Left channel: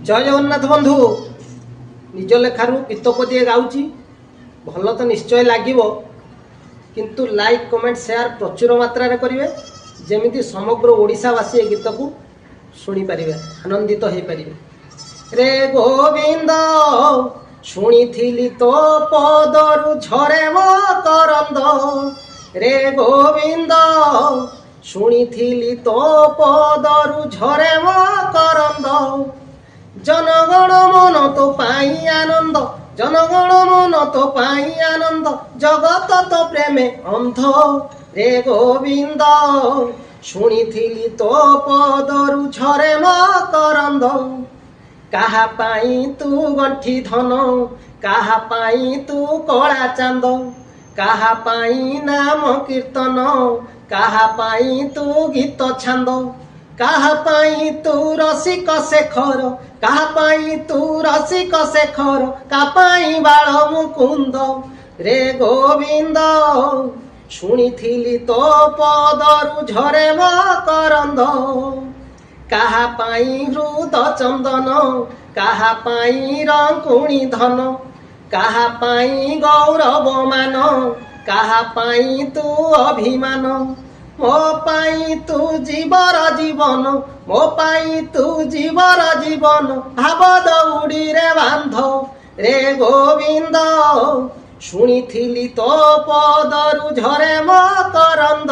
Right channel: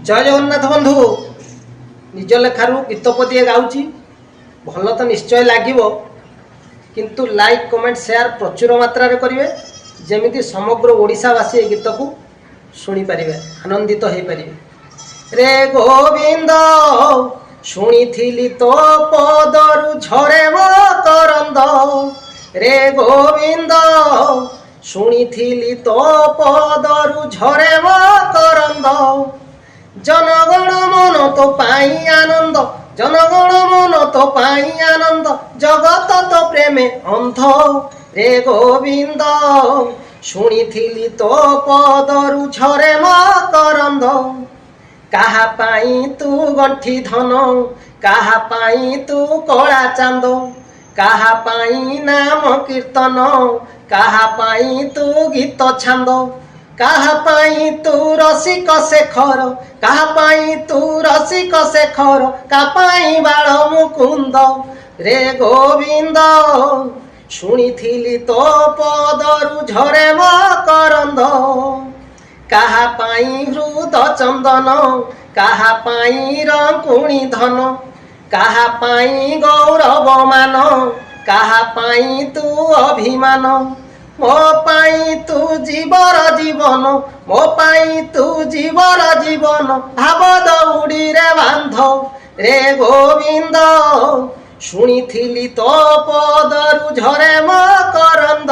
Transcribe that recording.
जय जगन्नाथ बंधु निज लेखार गीत पदिए गाँची भल तो निश्चय लगे किंतु लाइक कमेंट शेयर प्रचुर मात्रा करेंगे जमी समग्र ओडिशावासी ए गीत को शुणी पारे आनंदित हो पारे। रे गोविंद शुणी तो पदरु झरे मकरंद रे गोविंद शुणी तो पदरु झरे मकरंद जनगण मन तो पाई आनंद जनगण मन तो पाई आनंद जगत तो प्रेमे अंध रे गोविंद शुणी तो पदरु झरे मकरंद काहा पाई तू गंठी धन काहा पाई तू कला चांद काहा पाई नाम कीर्तन काहा पाई तू गीत छांद काहा पाई तू रसिक शेखर काहा पाई तू रसिक शेखर का पाई बाल मुकुंद रे गोविंद शुणी तो पदरु झरे मकरंद काहा पाई हृद चंदन काहा पाई रंकुणी धन काहा पाई गौरव मान काहा पाई तू अभिमान मो पाई तू जीवर जीवन मो पाई तू जीवर जीवन भाव दौड़ी रे बांध रे गोविंद शुणी तो पदरु झरे मकरंद।